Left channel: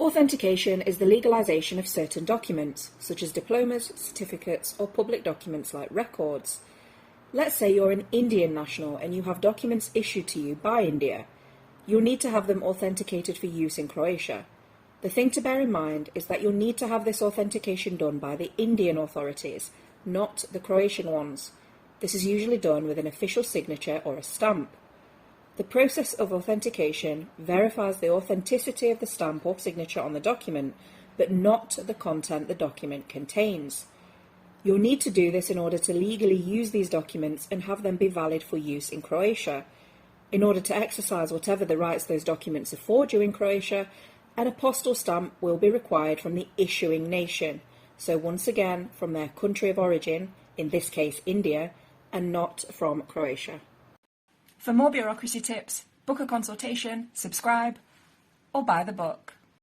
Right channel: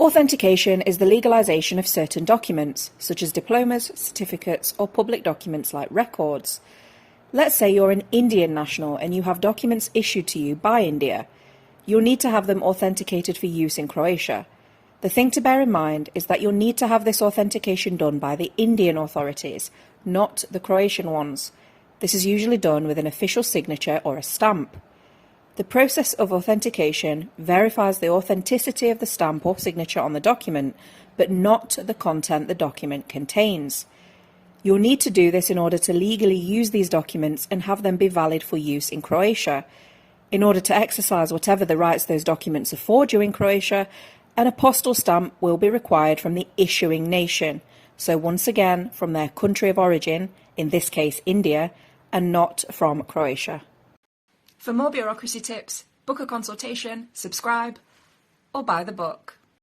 Authentication is the legalisation of certain documents, such as diplomas, certificates, or public documents like records. Let's say you're an Indian national and you have documents issued to you by India. You'll need to have them authenticated for use in Croatia. The thing to bear in mind is that you'll need to have this authentication done by the Indian authorities, not the Croatian ones. This is usually done with an official signature or a stamp. The process of authentication verifies the authenticity of the stamp or signature on the document, but not the content the document contains. You'll need to do this in order to legally use these documents and have them be valid for use in Croatia. In order to exercise whatever the rights those documents afford you in Croatia, an apostille stamp will be required from the issuing nation, so once again from their country of origin, in this case India, and not from Croatia. For more bureaucracy tips, book a consultation, subscribe, or buy the book.